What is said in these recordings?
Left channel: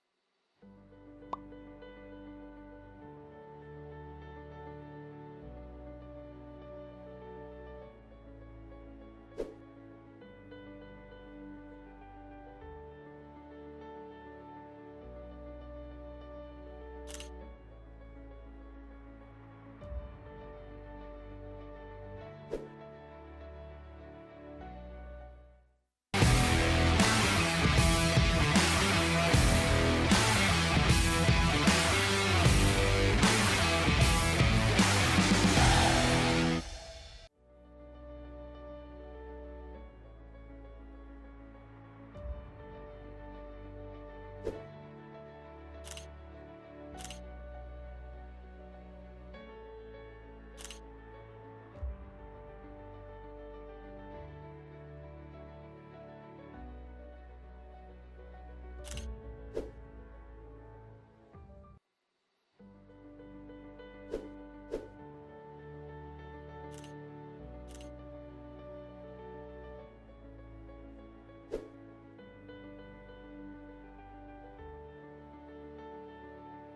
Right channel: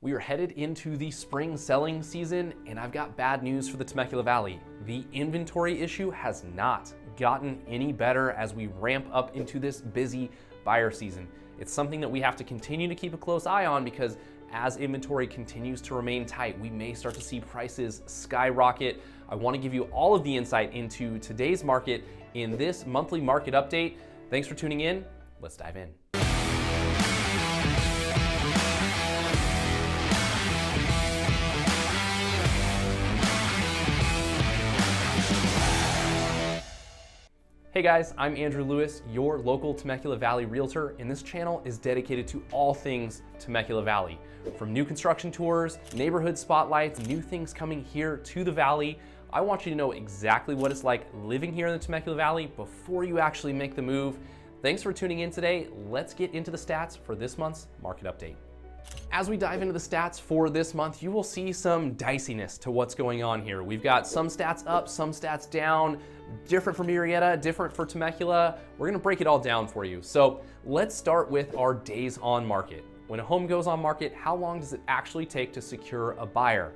We are headed into the spring selling season, and I've got bad news for the Temecula Valley. The inventory issue has not gotten any better as we ramp up into this busy buyer season. It's something that we have to continue to keep a close eye on because as inventory continues to remain tight, we may start to see prices skyrocket. I want to give you all of the insight into today's market in this monthly market update. Thanks for tuning in. Let's dive in. Hey guys, I'm Andrew Lewis, your local Temecula Valley realtor, and this channel is dedicated to all things Temecula Valley. From new construction tours, neighborhood spotlights, new things coming here to the valley, I want you to know exactly what it's like living here in the Temecula Valley before you actually make the move. Thanks for tuning in today. Let's get into the stats for this month's market update. As we dive into the stats for this month, you will see some diciness to what's going on here. We've got some stats up, some stats down, different for Murrieta, different for Temecula. We're gonna break it all down for you. So let's start with our days on market. When a home goes on market, how long does it actually take to secure a buyer?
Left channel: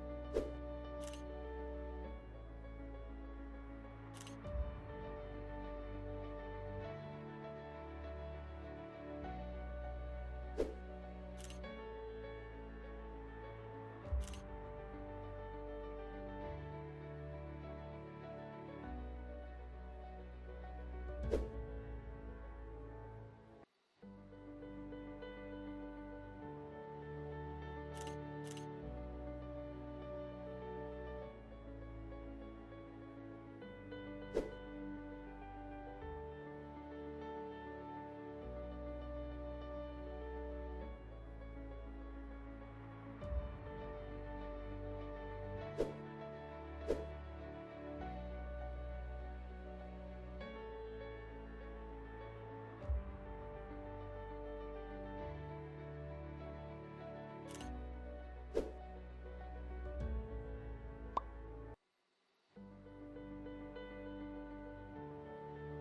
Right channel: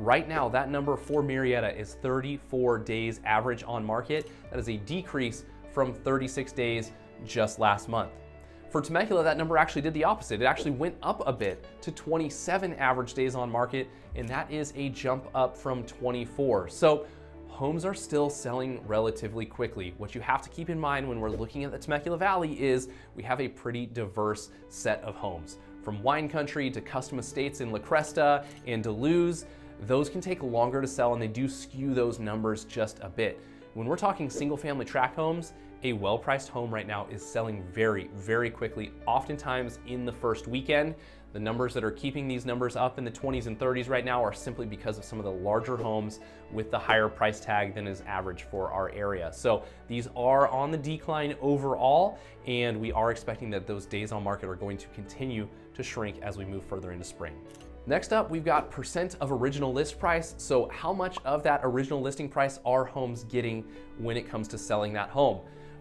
Right now, that number for Murrieta is 34 days average on market. That is a decrease from 36 days just last month. For Temecula, that number actually did the opposite. It actually went up a bit to 27 average days on market, and that is a jump up from 24. So homes are still selling relatively quickly. What you have to keep in mind when we're looking at the Temecula Valley is we have a pretty diverse set of homes. From wine country to custom estates in La Cresta and Duluth, those can take longer to sell and they do skew those numbers just a bit. When we're talking single family tract homes, a well-priced home right now is selling very, very quickly, oftentimes in the first weekend. The numbers that are keeping these numbers up in the 20s and 30s right now are simply because of some of the larger homes with the higher price tag than is average for our area. So these are on the decline overall, and we are expecting that those days on market are going to continue to shrink as we move further into spring. Next up, we've got percent of original list price. So how much of that original listing price are homes getting when it comes to selling that home?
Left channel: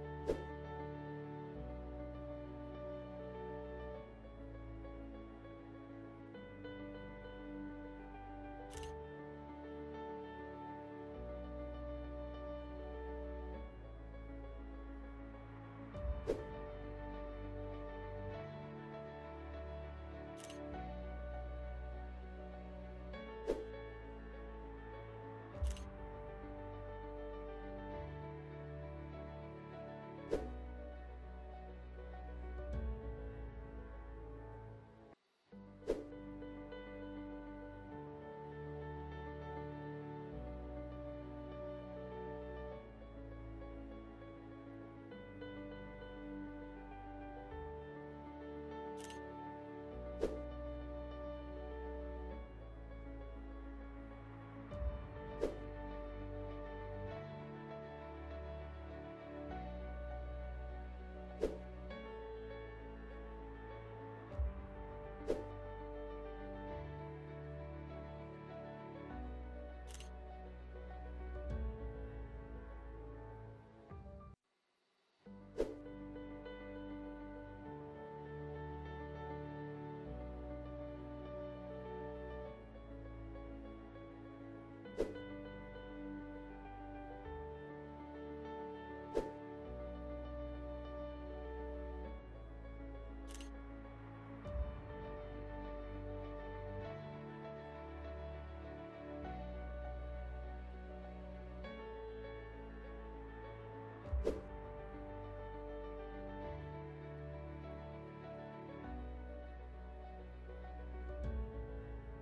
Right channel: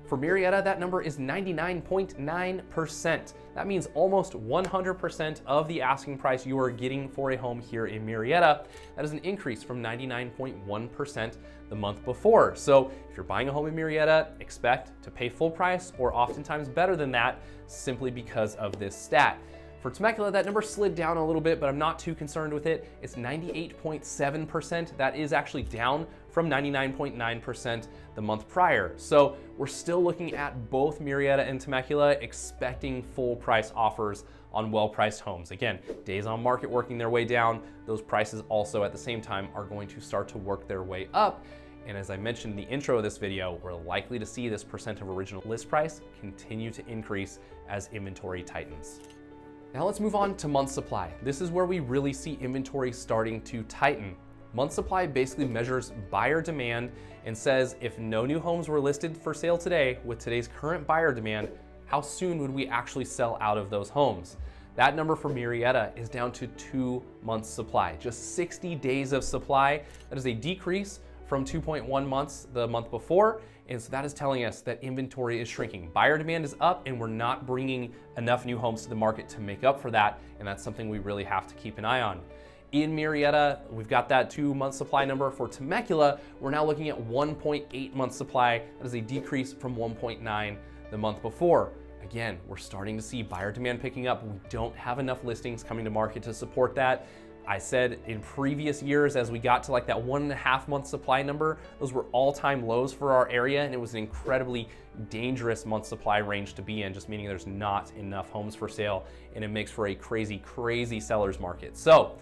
For Murrieta, that number is 99.9%. That means almost 100% of the asking price you are getting for a home here in Murrieta. That is an increase from 99.1% the month before. So if you're buying a home in Murrieta, expect to pay full price or oftentimes better than that simply because of this stat. For Temecula, that number slid down a little bit, but I'm not too concerned with it. It's 98.7%. That is actually down from 99.9% the month prior. So we're still looking at both Murrieta and Temecula expecting full price offers on well-priced homes. Again, days on market working their way down. Those prices also at the same time are going to start to work their way up. And as I mentioned in the intro of this video, we're likely to see this percent of original list price continue to increase as inventory tightens. Now let's move on to month supply. This is where we really see inventory starting to tighten. Month supply basically measures buyer demand and says if no new homes were listed for sale today with today's current buyer demand, how soon would we actually sell out of those homes? That number for Murrieta is down to 2 months supply, just 60 days of supply. That is a decrease from 2.1 months the month before. And so that is telling us that inventory is shrinking. Buyer demand is up and we're not bringing enough new homes to the market to make up for that. And that's something we really have to keep an eye on. In Murrieta, we've got that 2 month supply number. For Temecula, we're now looking at 1.8 month supply. That is a decrease from 1.9 the month before. Again, we're starting to see buyer demand picking up. We don't have enough listings coming to market to support that. I said in previous years, as we got to like that 1.5 month supply number, those were all-time lows for our area, and it was an incredibly dangerous month supply range to be in, just meaning there's not enough homes for sale, and it makes for a crazy, crazy seller's market. So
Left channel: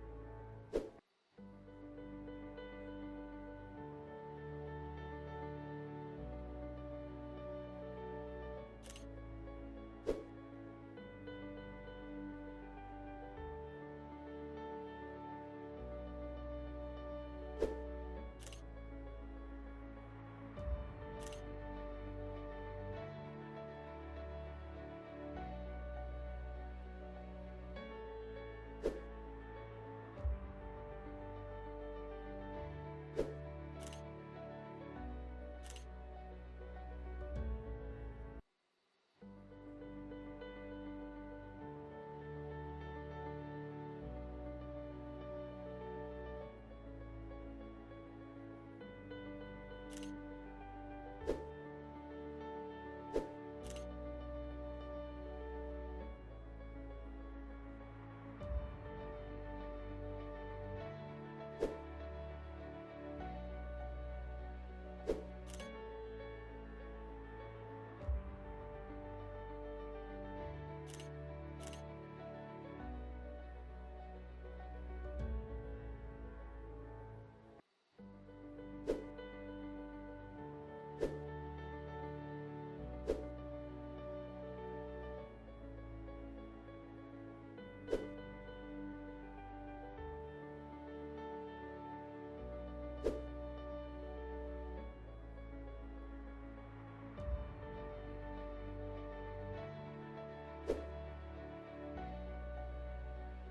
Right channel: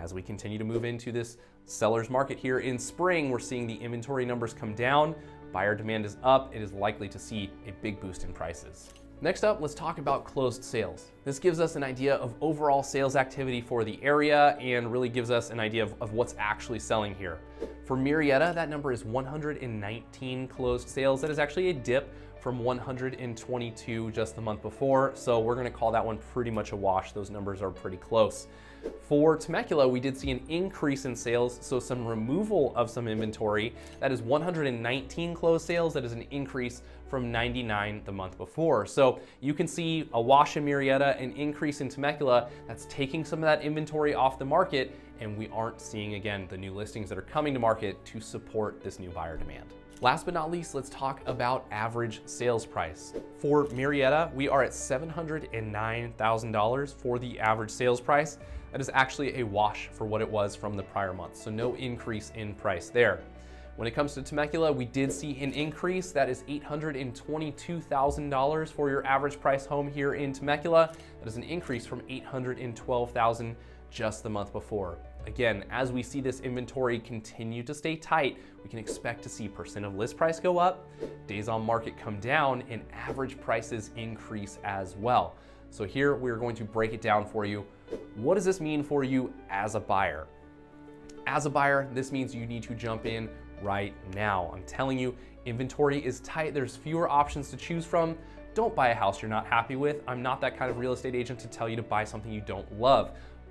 as we continue to move into this seller's market here in spring, we're seeing the inventory numbers come down, buyer demand is up, it is likely to see a big boost in prices. Next up, let's talk about closed sales. This gives us an idea of overall sales activity for the area and really gives us an idea of what's actually selling here. For Murrieta, that number is 119 closed sales. That is actually a dip from 122 just the month before. So we're gonna call that one pretty much a wash. Those numbers are pretty close. For Temecula, we did see an increase in sales, so some removal of some inventory. That is 119 closed sales. That is an increase from 99 the month before. So you can see a wash in Murrieta, an increase in Temecula, that's taking some of that inventory off the market, and we aren't seeing, again, the new listings that are coming to market to support this new buyer demand. Last but not least, let's talk about average sales price. For Murrieta, we are at $709,000 for the average sales price. That is actually a wash for what it was from the prior month, so no increase in price there. When it comes to Temecula, we did see an increase. That is $822,000 for your average price home here in Temecula. That is an increase from $812,000 just the month before. Again, as we see this inventory continue to stay tight, we can expect to see percent of list price go up, days on market come down, and average prices increase as well. So here we're going to break it down for you. What does this mean for you as a buyer? As a buyer, this means you need to jump in right now. I'm telling you, inventory is tight. There's fewer options to choose from. Don't buy a house you're not happy with. I'm not that kind of real estate agent to tell you to buy something you don't love,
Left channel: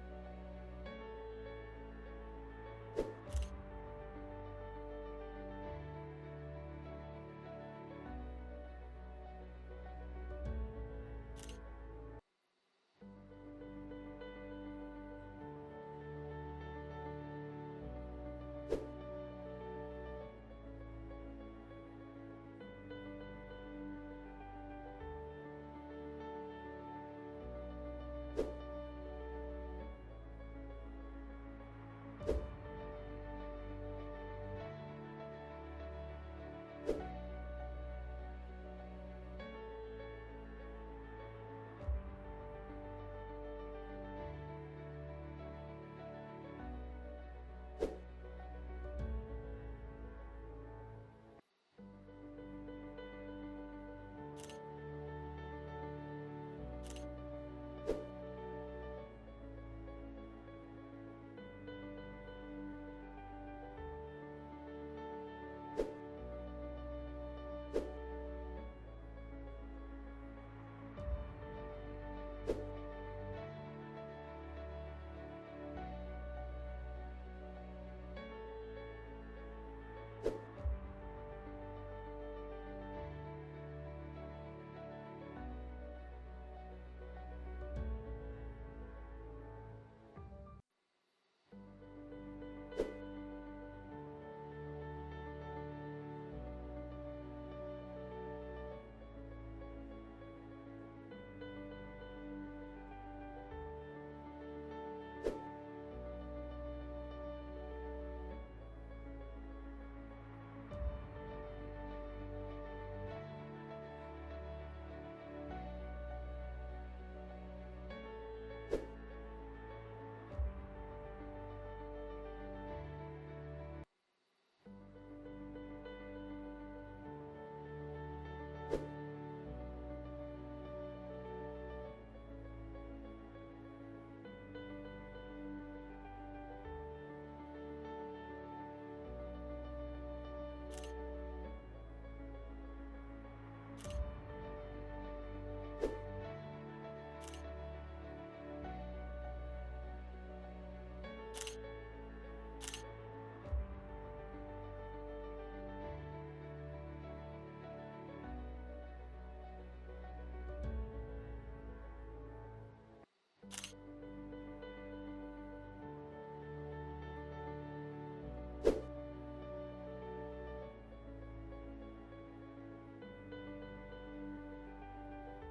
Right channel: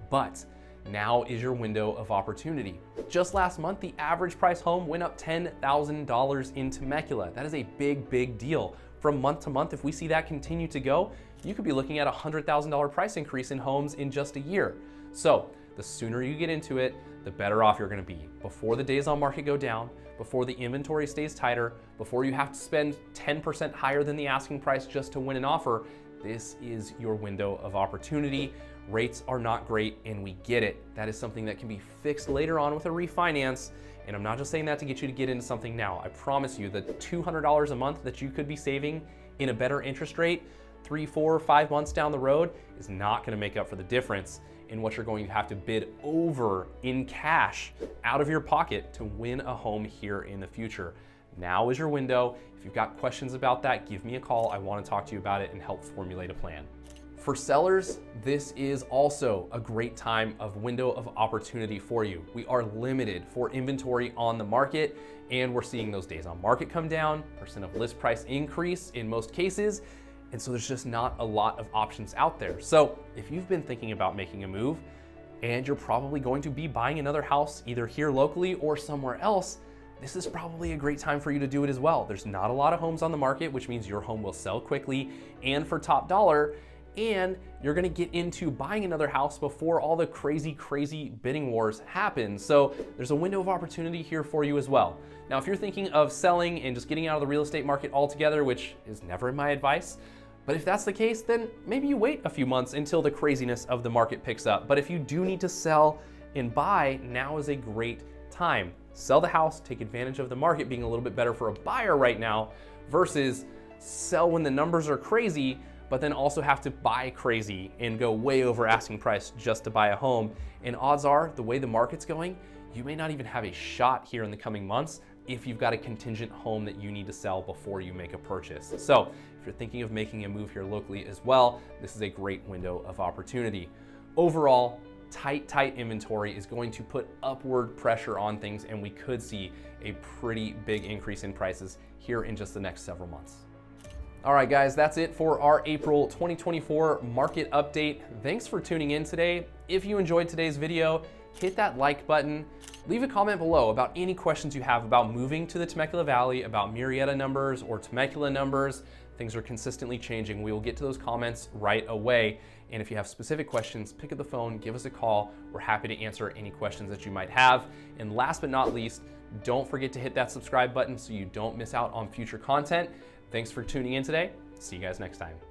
but now is your window of opportunity. Just last month, the average price home went up $10,000 in Temecula. That is a big, big deal. From month to month, if we see that continue to go, you could be looking at a $100,000 price increase in homes in just a year. So the sooner you get into it, the better off you're gonna be. Before the days on market go down, before the inventory stays tighter, before you have to spend 10% higher than the asking price just to win an offer, this is your window of opportunity. Rates are not great, and we get it. That is something that can be fixed later on with a refinance. And I'm not just saying that to get you to get into something now. I promise you, the $200 a month that you could be saving in a better interest rate 3, 4, 5 months down the road is not gonna make up for the difference in what you're going to have to bid over in cash out of your pocket to win a home here in the future. Now is your window. If you've got questions about that, give me a call. I wanna talk to you about it and help formulate a plan. For sellers, this is also a great time of window of opportunity for you. We are limited for inventory on the market, and we're seeing those days on market come down, percent of list price increase in most cases, and so there's just not a lot of options out there. So if you've been thinking about making a move, and you're probably going to be buying another house either here locally or somewhere else, this is probably a great time for you to do it as well. There's not a lot of homes on the market, which means your home will sell quickly and for top dollar, and you're gonna get into buying another house before all the crazy bidding wars happen. So there's a window of opportunity here for you as well. Now, if you're thinking of selling and just getting out of the real estate market altogether, which is never my advice, but if that's the case, then maybe you wait a few months until the craziness of the market picks up. But if you do need to sell and buy, now is a great time. Sell the house, take advantage of the market being a little bit better for a buyer right now, versus sell when the numbers are crazy, but then also have to buy crazy and go way over asking price just to buy a home. And odds are, the way the market's going, you may not even have a shot here in the coming months if you've got a contingent home that you need to sell before you make a purchase. So if you're thinking of making a move here locally as well, this is a great window of opportunity. Overall, tight inventory is going to put upward pressure on things, and we could see a pretty big increase in prices here in just the next several months. All right, guys, that's it for our April 2024 market update. Thanks for tuning in today. If you enjoyed today's video, hit that like button. Leave a comment below about any questions you have about moving to the Temecula Valley, about Murrieta numbers or Temecula numbers. Things are consistently changing. We will get to those comments right away. And if you have specific questions, pick up the phone, give us a call. We're happy to answer any questions that you might have. And last but not least, don't forget to hit that subscribe button so you don't miss out on future content. Thanks for tuning in today. See you guys next time.